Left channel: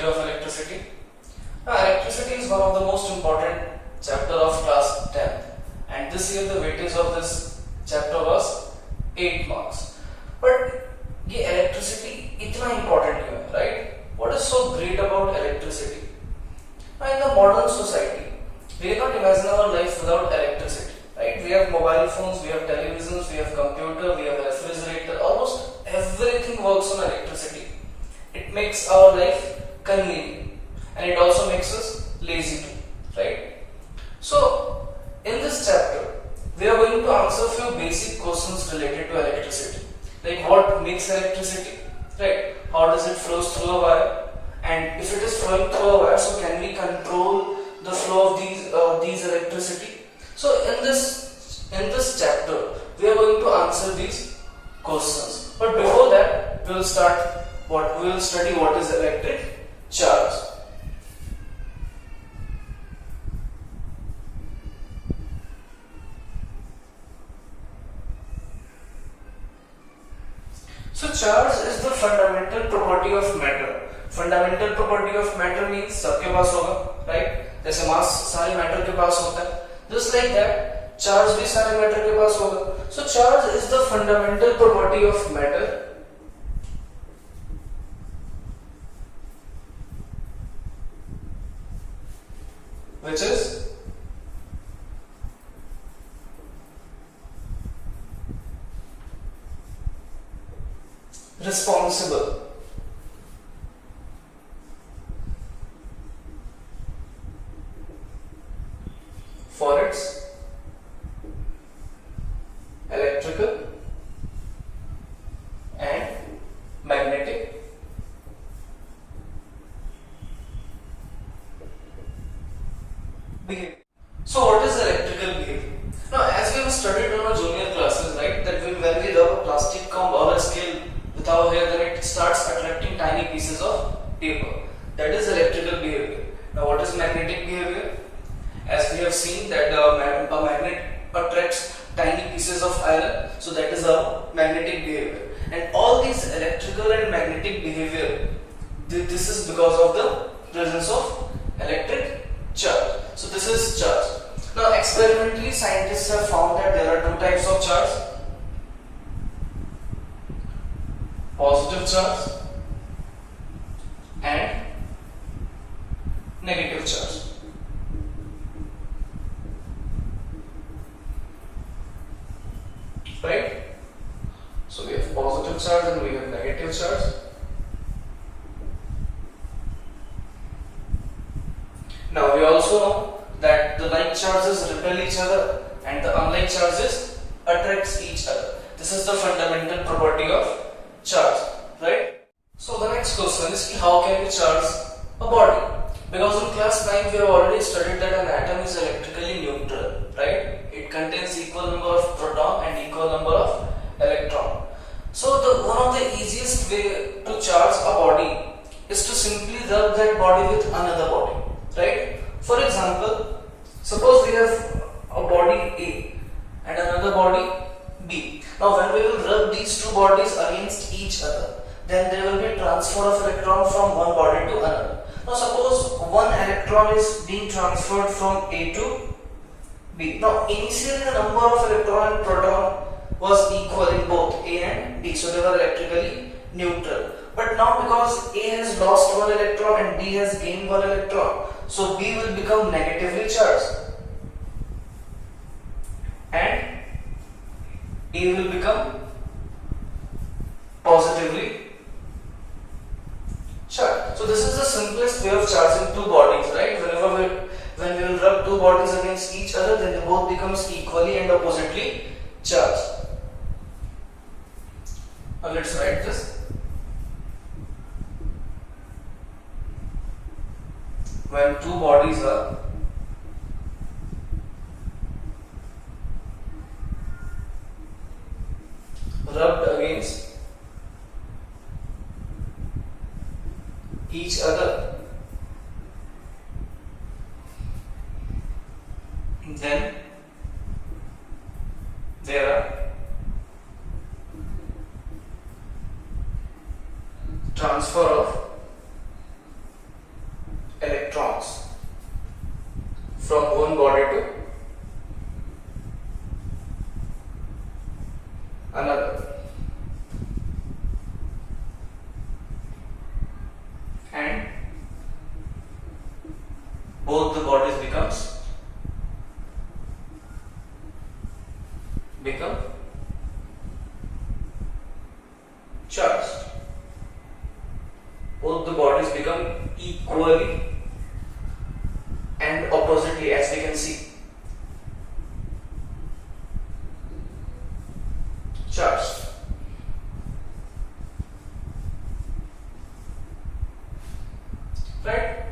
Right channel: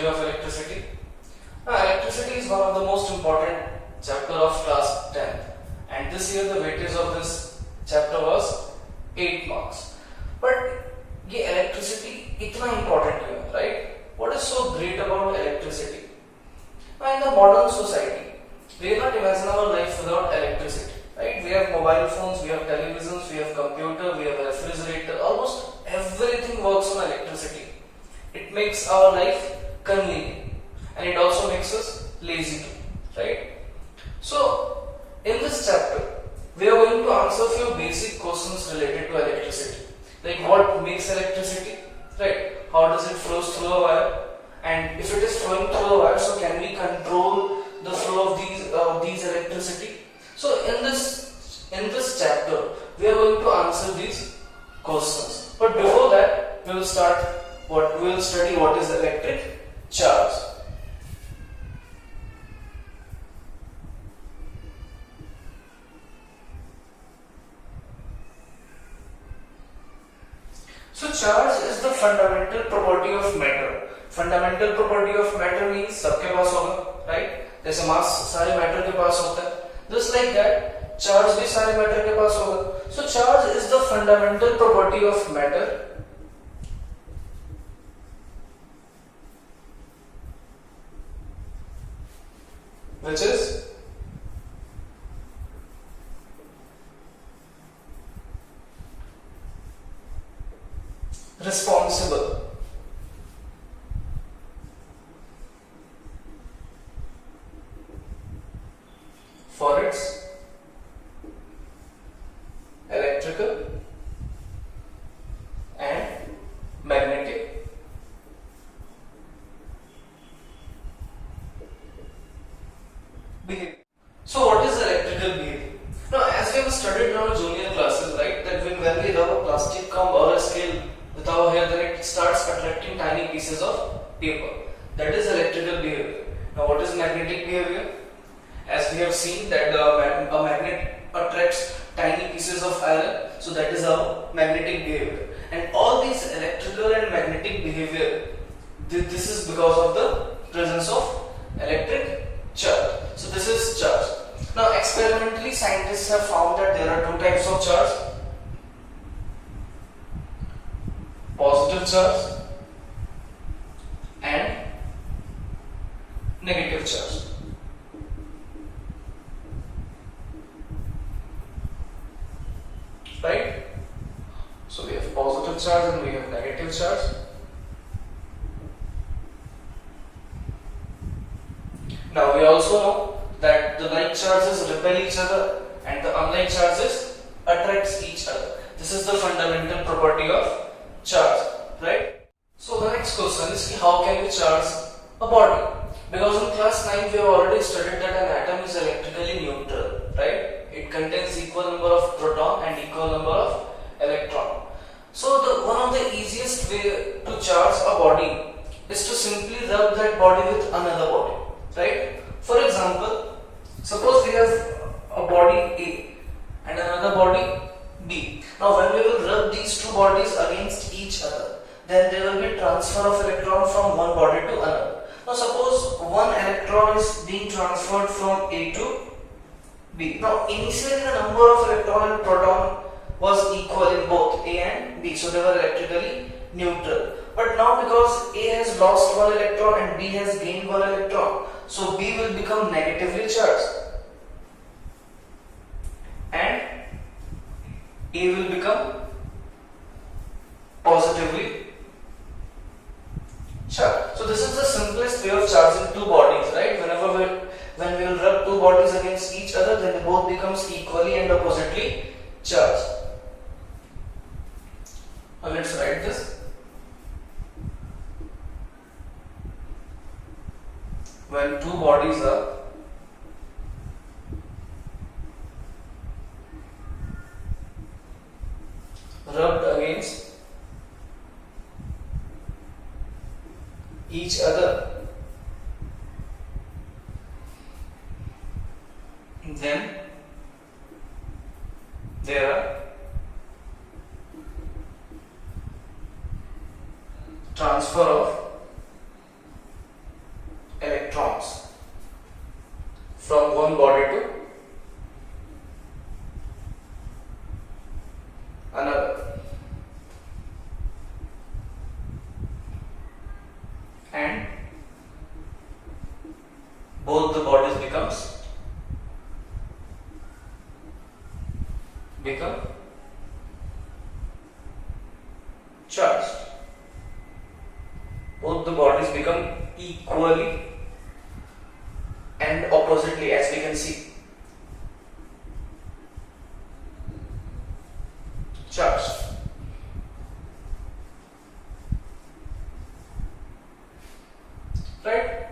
study of electricity. Electricity is one of the most important chapter of class 10th, and this year the weightage of this chapter was 8 marks. But ये electricity इतना important क्यों है, right? What is so great about electricity? Now in the modern society, we cannot imagine our life without electricity, right? We have mobile phones, we have televisions, we have computer, we have a refrigerator. Almost everything works on electricity. It makes our life convenient, and it also makes us lazy too, right? So in this chapter, we are going to answer a few basic questions related to electricity, like what makes electricity, right? How does it flow through a wire? And if it is flowing through a wire, so can we control the flow of these electricity? So in this chapter, we are going to answer these questions. But before that, we will study what is electric charge. So charge is the fundamental property of matter. Fundamental property of matter means सबके पास होगा, right? जैसे mass सारे matter के पास होता है, just like that, charge भी सारे matter के पास होगा. So charge is the fundamental property of matter, which is responsible for its electrical and magnetic behavior. So what is electrical behavior? Now as we have studied in our junior classes, right, that when we rub a plastic comb or a scale with our hair, then it starts attracting tiny pieces of paper. That is electrical behavior. Now what is magnetic behavior? As we have seen that a magnet attracts tiny pieces of iron, so that is a magnetic behavior. And all these electrical and magnetic behavior, this is because of the presence of electric charge. So this is charge. Now experimentally, scientists have found that there are two types of charge: positive charge and negative charge. Right? So we have positive charge and we have negative charge. Now we also know that the like charges repel each other and the unlike charges attracts each other. This is the fundamental property of charge, right? So the next question is, how can we charge a body? Because in class 9 we have already studied that an atom is electrically neutral, right? It contains equal number of proton and equal number of electron. So one of the easiest way to charge a body is to simply rub that body with another body, right? For example, suppose we have a body A and another body B. Now when we will rub these two bodies against each other, then there will be transfer of electron from one body to another. Now suppose one electron is being transferred from A to B. Now initially the number of electron and proton was equal in both A and B, so they were electrically neutral. But now because A has lost one electron and B has gained one electron, so B will become negatively charged and A will become positively charged. So this is the simplest way of charging two bodies, right? When we will rub two bodies against each other, then they both becomes equally and oppositely charged. Now let's write this. When two bodies are rubbed against each other, then there are transfer of and both the bodies become charged. Both the bodies become equally and oppositely, as we can see, charged. Right?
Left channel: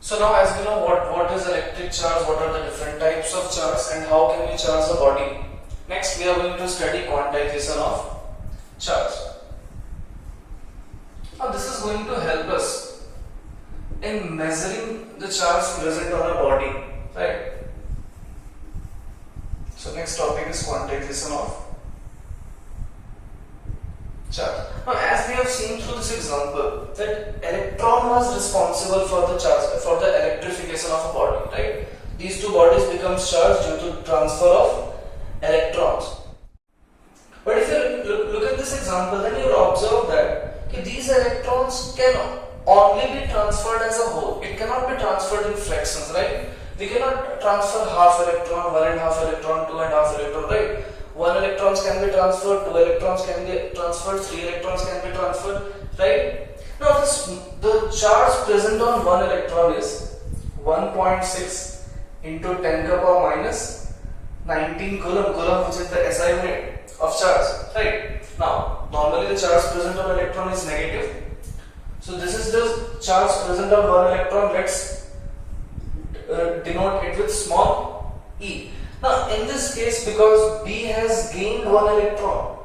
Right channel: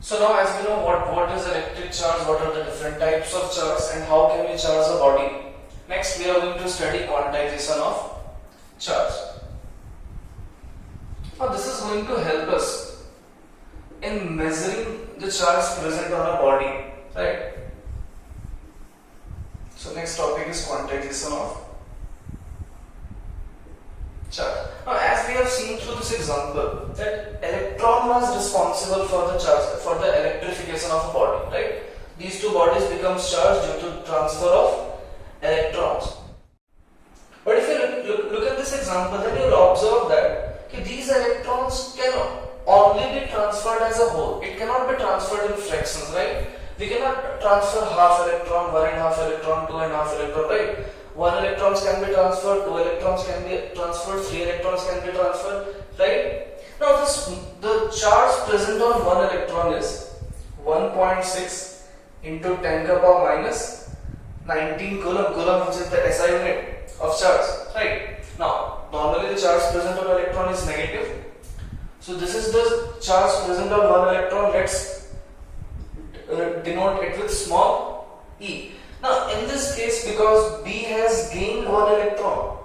So now, as we know what is electric charge, what are the different types of charge, and how can we charge the body. Next, we are going to study quantization of charge. Now, this is going to help us in measuring the charge present on a body, right? So, next topic is quantization of charge. Now, as we have seen through this example, that electron was responsible for the charge, for the electrification of a body, right? These two bodies become charged due to transfer of electrons. But if you look at this example, then you will observe that these electrons can only be transferred as a whole. It cannot be transferred in fractions, right? We cannot transfer half electron, 1.5 electron, 2.5 electron, right? 1 electrons can be transferred, 2 electrons can be transferred, 3 electrons can be transferred, right? Now the charge present on 1 electron is 1.6 into 10 to the power minus 19 coulomb, which is the SI unit of charge, right? Now, normally the charge present on electron is negative. So this is the charge present on 1 electron. Let's denote it with small e. Now, in this case, because B has gained 1 electron,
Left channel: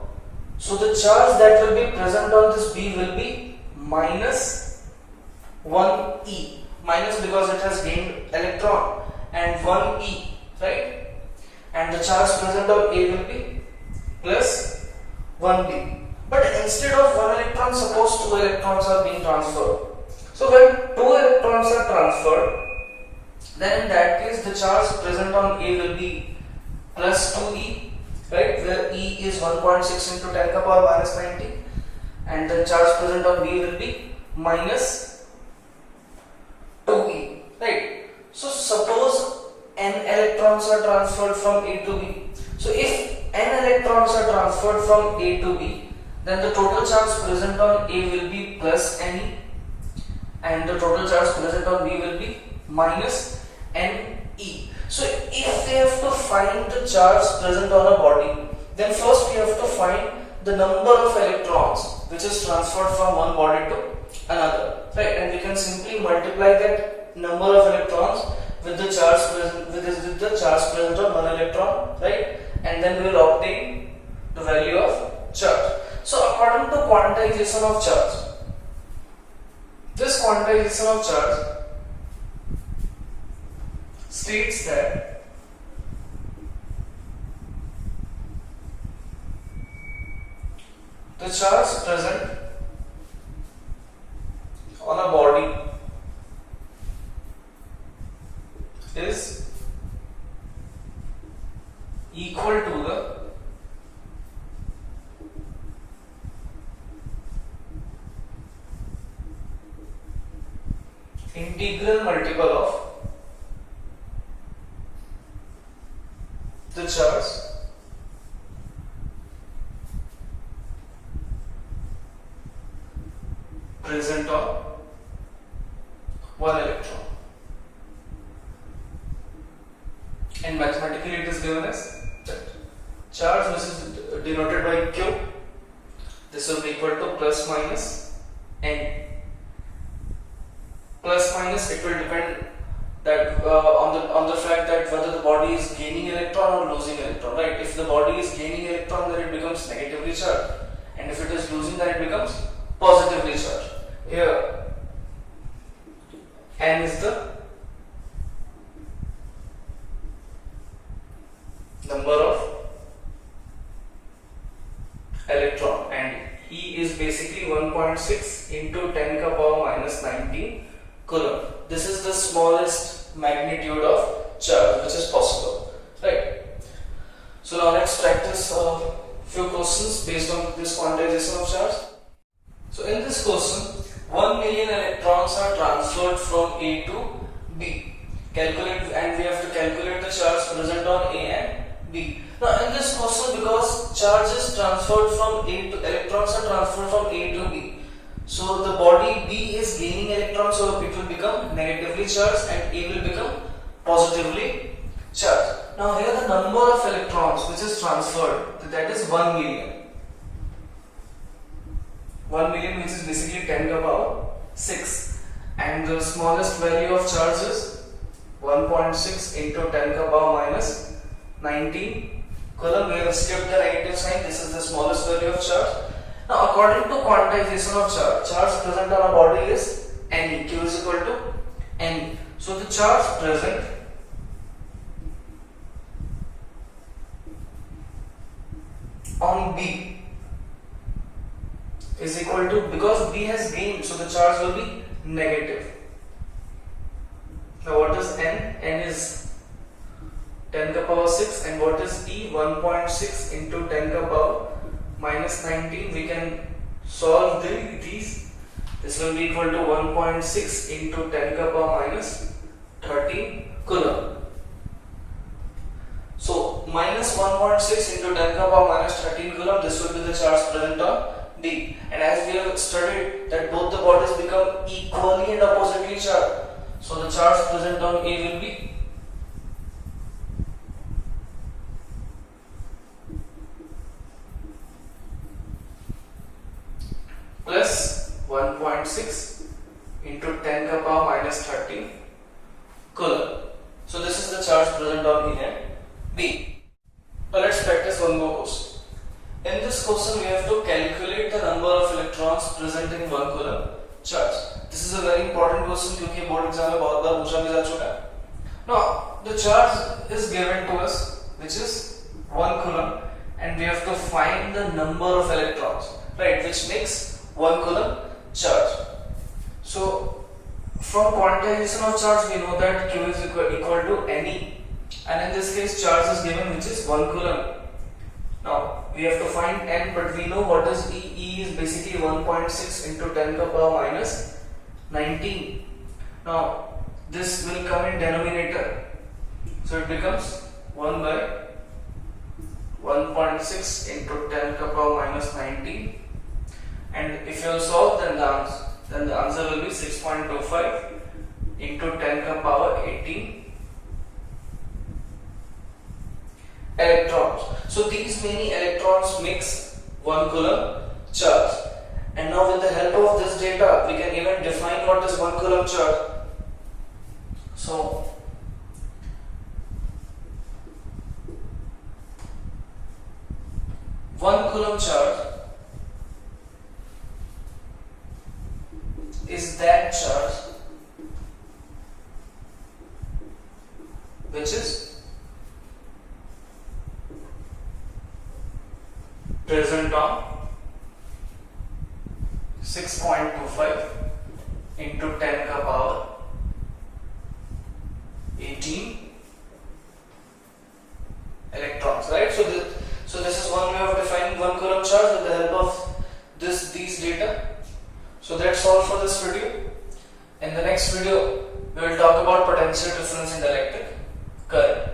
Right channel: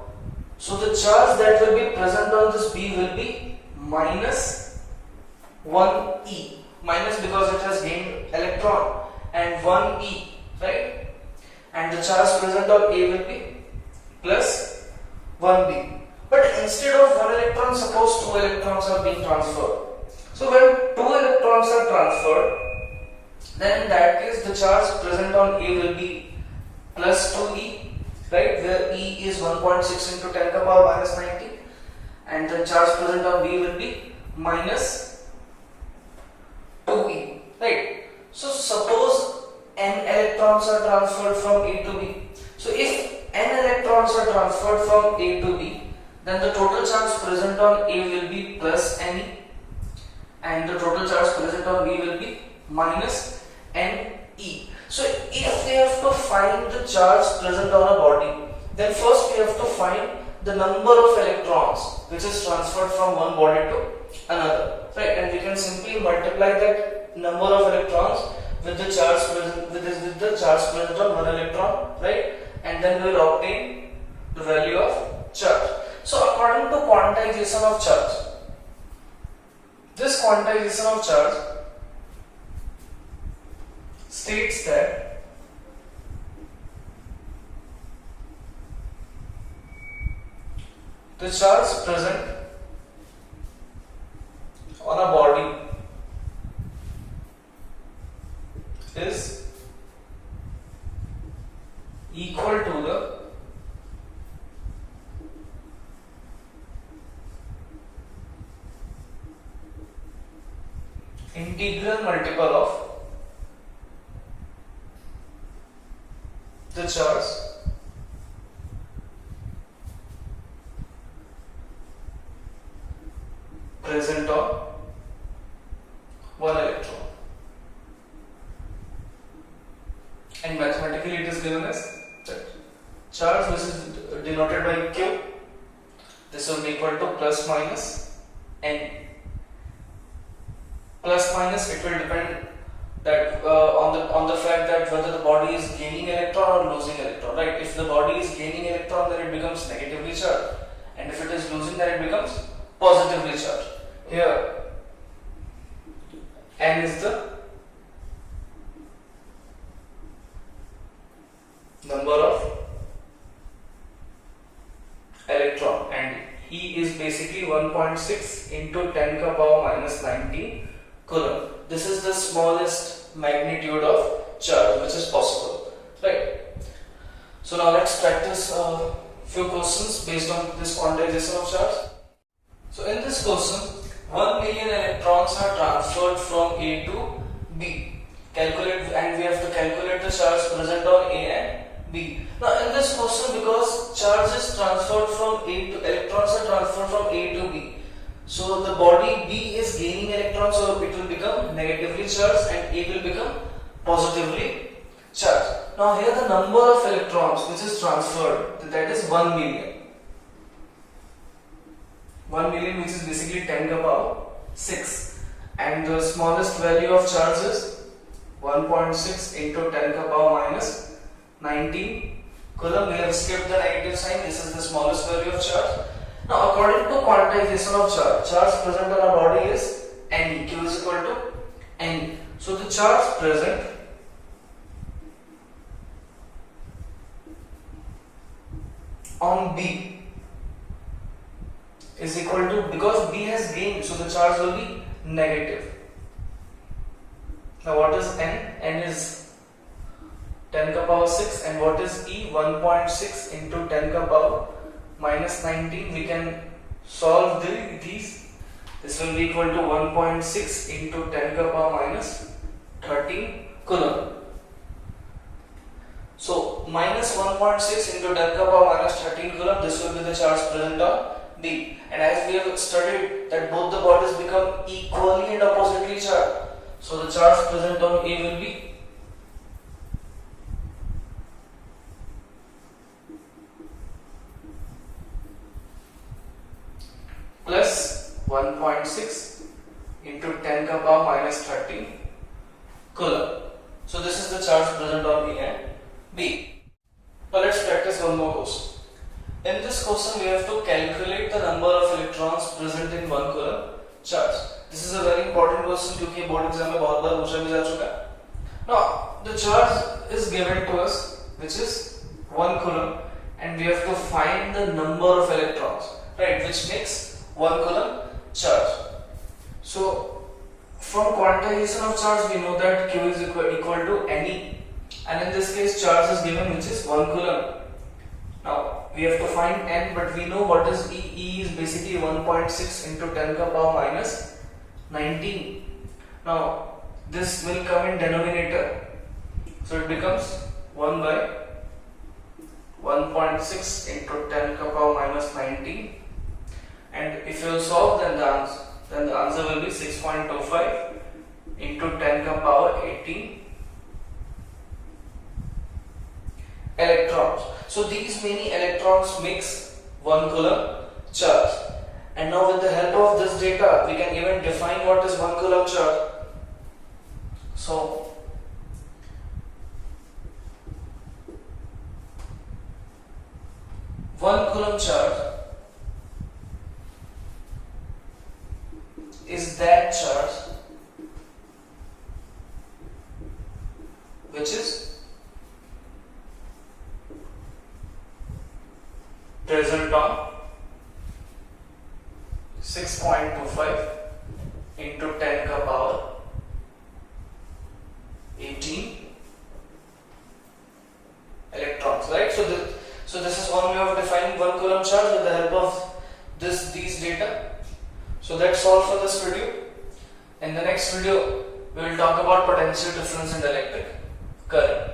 so the charge that will be present on this B will be minus 1e. Minus because it has gained electron, and 1e, right? And the charge present on A will be plus 1b. But instead of 1 electron, suppose 2 electrons are being transferred. So when 2 electrons are transferred, then in that case the charge present on A will be plus 2e, right, where E is 1.6 into 10 to the power minus 90, and the charge present on B will be minus 2e, right. So suppose n electrons are transferred from A to B. So if n electrons are transferred from A to B, then the total charge present on A will be plus ne, and the total charge present on B will be minus ne. So if we have to find the charge present on a body, then first we have to find the number of electrons which is transferred from one body to another, right? And we can simply multiply that number of electrons with the charge present on one electron, right? And then we will obtain the value of charge. So according to quantization of charge, this quantization of charge states that the charge present on a body is equal to the integral multiple of the charge present on one electron, and mathematically it is given as that charge, which is denoted by Q. This will be equal to plus minus n. Plus minus, it will depend that on the fact that whether the body is gaining electron or losing electron, right? If the body is gaining electron, then it becomes negatively charged, and if it is losing, then it becomes positively charged. Here n is the number of electron, and E is basically 1.6 into 10 to the power minus 19 coulomb. This is the smallest magnitude of charge which is possible, right? So now let's practice a few questions based on this quantization of charge. So in this question, million electrons are transferred from A to B. Calculate, and we have to calculate the charge present on A and B. Now in this question, because charge is transferred from A to, electrons are transferred from A to B, so the body B is gaining electrons, so it will become negatively charged and A will become positively charged. Now here the number of electrons which is transferred, that is 1 million. 1 million, which is basically 10 to the power 6, and the smallest value of charge is 1.6 into 10 to the power minus 19 coulomb. We have skipped the negative sign. This is the smallest value of charge. Now according to quantization of charge, charge present on our body is Ne. Q is equal to Ne. So the charge present on B is equal to, because B has gained, so the charge will be negative. Now what is N? N is 10 to the power 6, and what is E? 1.6 into 10 to the power minus 19. We can solve these. This will be equal to 1.6 into 10 to the power minus 13 coulomb. So minus 1.6 into 10 to the power minus 13 coulomb, this will be the charge present on B. And as we have studied that both the bodies become equally and oppositely charged, so the charge present on A will be plus 1.6 into 10 to the power minus 13 coulomb. So this is the charge present on A and B. Now let's practice one more question. In this question, we have to calculate the number of electrons present in 1 coulomb charge. This is a very important question क्योंकि board exam में बहुत बार पूछा भी जा चुका है. Now the charge is given to us, which is 1 coulomb, and we have to find the number of electrons, right, which makes 1 coulomb charge. So from quantization of charge, we know that Q is equal to Ne, and in this case charge is given, which is 1 coulomb. Now we have to find N, but we know what is E. E is basically 1.6 into 10 to the power minus 19. Now this will come in denominator, so it becomes 1 by 1.6 into 10 to the power minus 19, and if you will solve, then the answer will be 6.25 into 10 to the power 18 electrons. So these many electrons makes 1 coulomb charge. And now with the help of this data, we can even define what is 1 coulomb charge. So one coulomb charge is that charge which is present on 6.25 into 10 to the power 18 electrons, right? So this is one way of defining 1 coulomb charge with the help of these data. So that's all for this video. In the next video, we will talk about potential difference in the electric current.